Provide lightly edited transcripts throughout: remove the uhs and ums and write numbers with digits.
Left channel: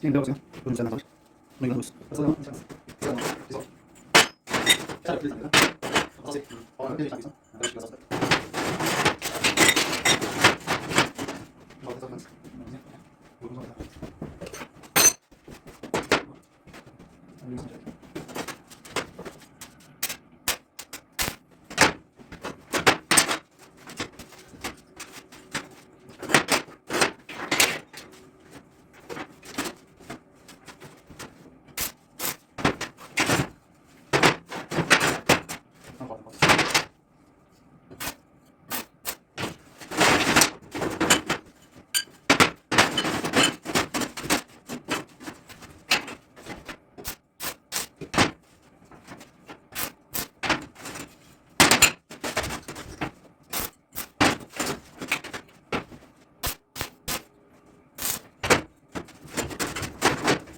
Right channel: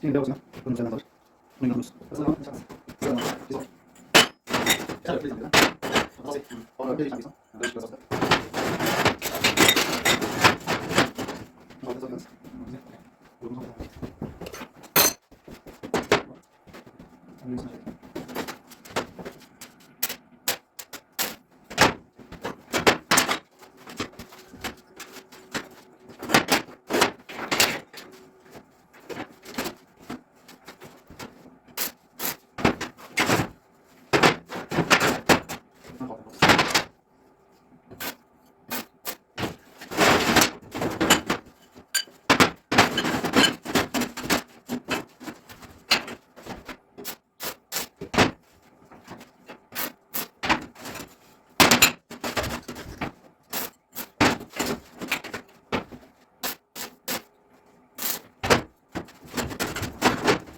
今天不要紧，不用再拿走，弄一个 brus，这样这样子，这样这种，下来可以怎么样？好，这好，我们别想别想，不要不要不要。好，这样子，我们看看。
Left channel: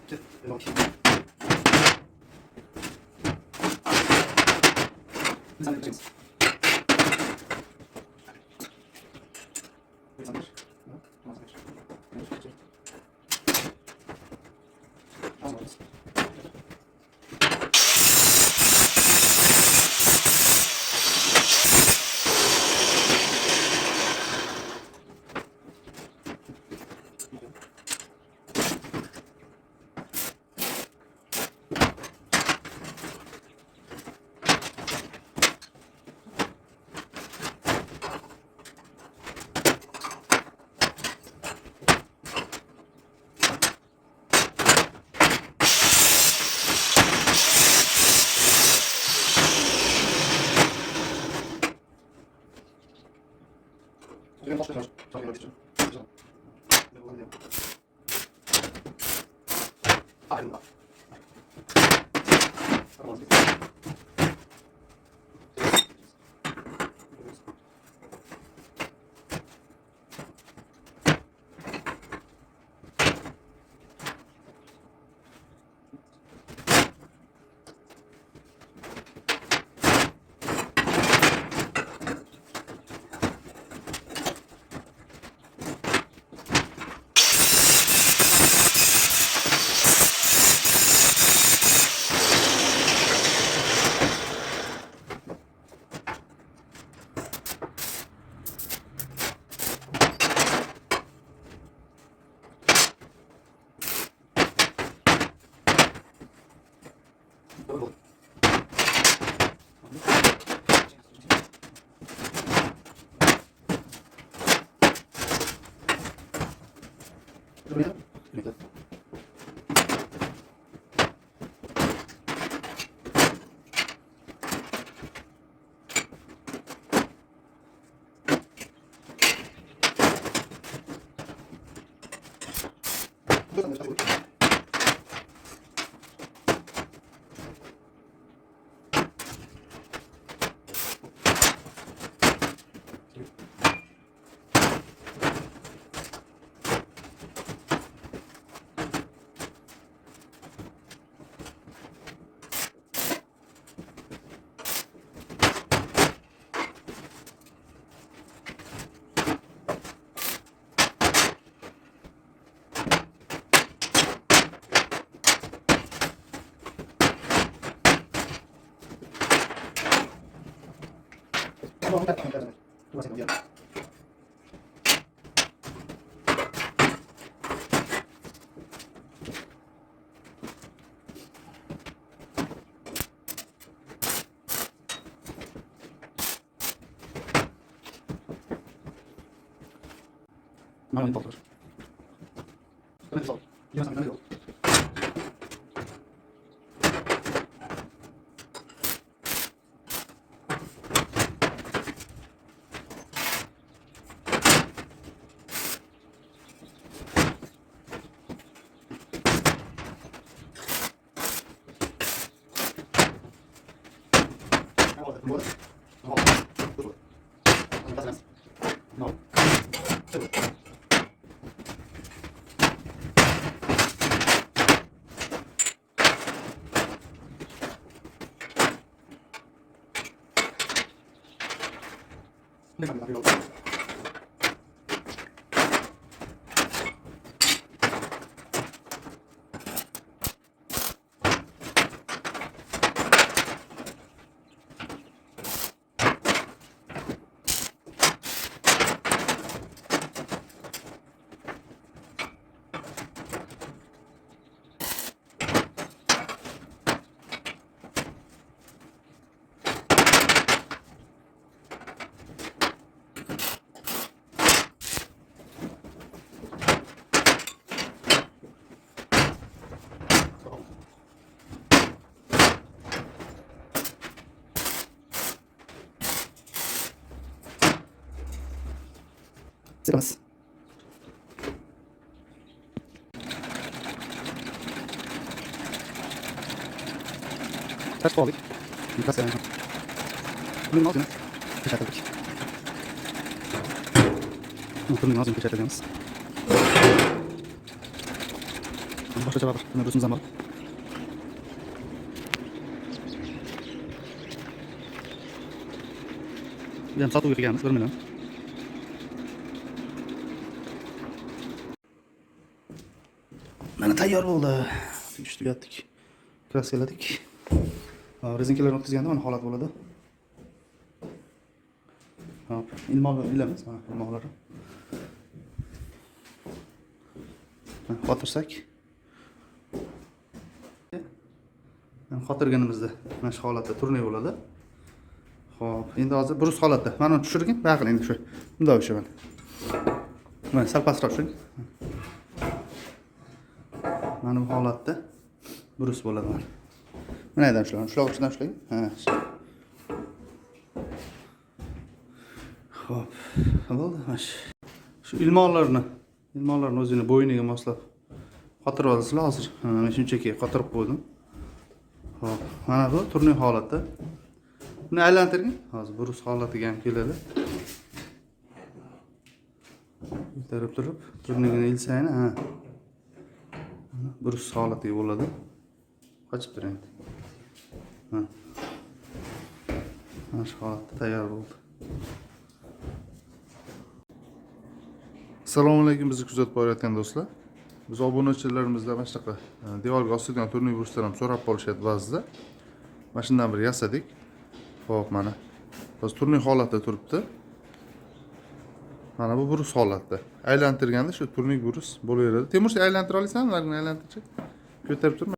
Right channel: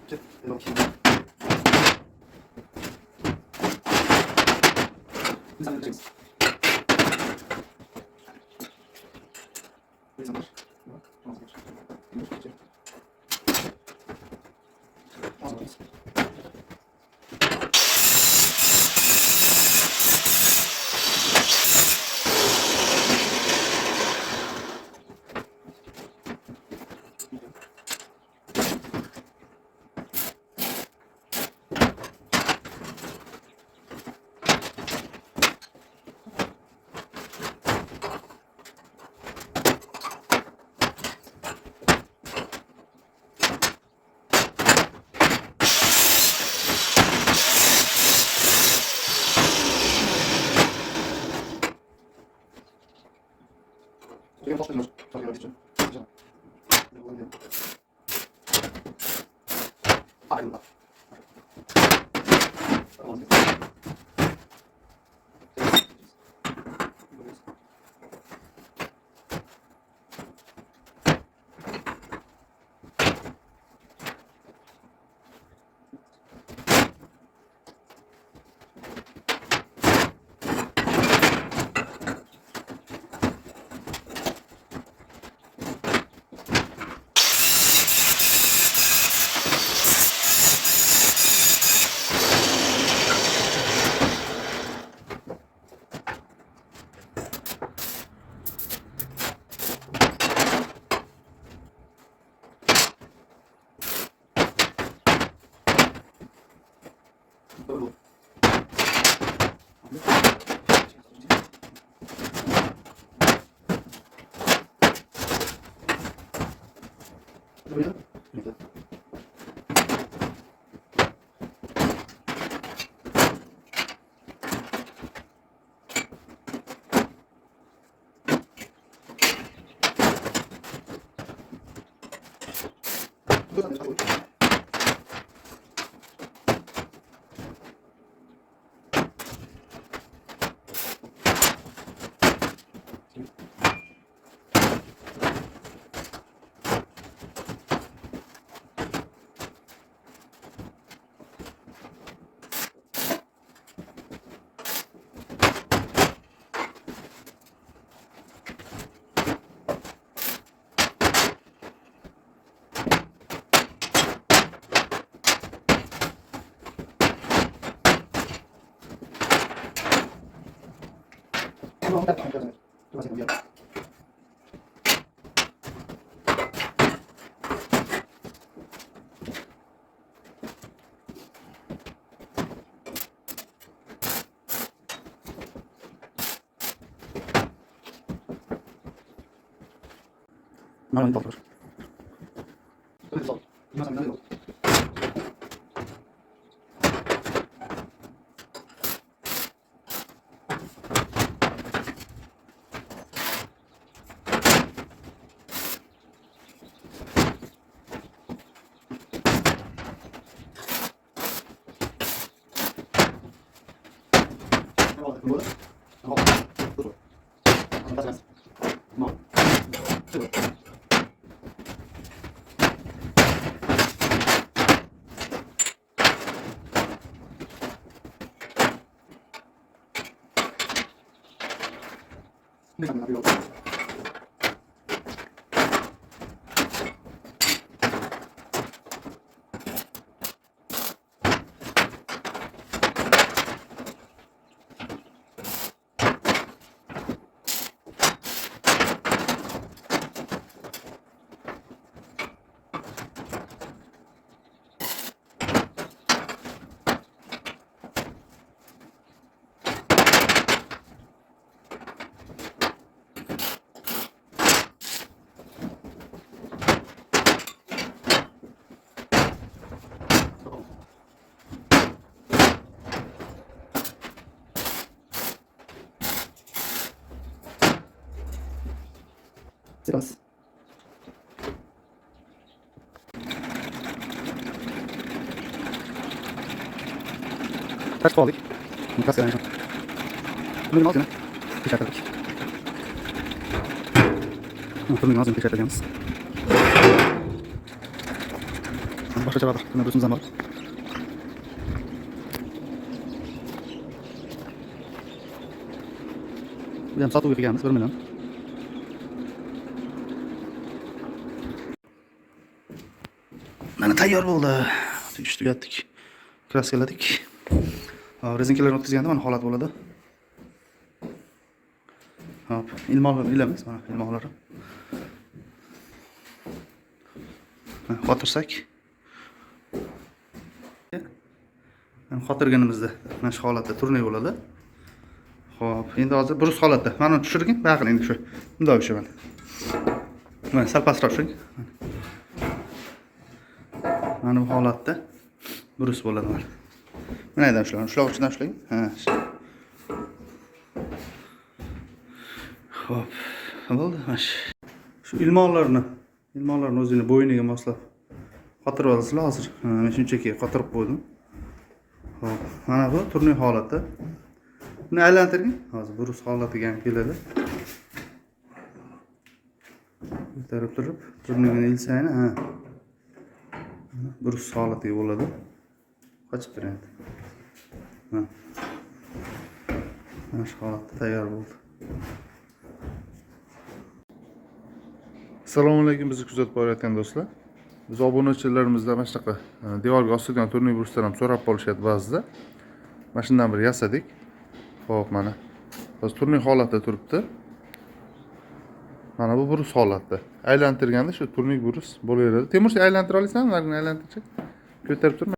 这老皮，第三个这个，第三个是，这个倒是找个地址，这种，那个大一点吧。慢慢再打一个，多少钱一样？慢慢倒出来。这里倒，一定要3个。螺的，然后不准，大三，然后这个，那个没有。Sirasi. Tashib oldik. Mikroskopni. Turning ozgina pechatladik. Turning ozgina pechatlaymiz. Boshqa javob. Buni o'zimiz ham bor. Bu ham sotuvga qilganmiz 1 million. Mana tayyor bo'ldi. Tegish tugatdik. Kraskaladik. Rezinkalarni o'tkazganda mana holat bo'ladi. Hop, ilmoqlar ilamiz, mana ilmoqlar. Qotirsak. Qotirganimizda mana shu holatda turnik bo'ladi. Xo'p, endi hozir brus holatda. Mana uni tushirgin, baqil endi shu. Bunday o'shaman. Mana sal pastroq tushing. Mana bu holatda brus bo'ladi mana. Mana yerdan ushlang, ushloq uchidan ushlang. Ha. Xo'p, bo'ldi. Shu ilmoqlarni o'zini bo'yniga moslab qotirib olasizlar hozir. Men shunchaki qotirib qo'ydim. Xo'p, mana bu turnik holatda. Buni aylantiring. Hozir brus holatiga ham keladi. Ko'tarib turib, turnigini ilsang, ha. Brus holatiga bo'ladi. Qochib turing. Mana shu holatda tayyor bo'ldi. Assalomu alaykum, bizni kuzatib borayotgan do'stlar. Biz obunachilarimizdan mana shunaqa devorga osilgan turnik bruslar ham so'rab qolishyapti ba'zida. Mana shundan bir yasadik. Xo'p, mana. Hozir turnik holatda turibdi. Mana bu brus holatda. Aylantirganda shu turnik brus bo'laveradi. Temur, aylantira olasanmi? Aylantirchi. Ko'tarib turma.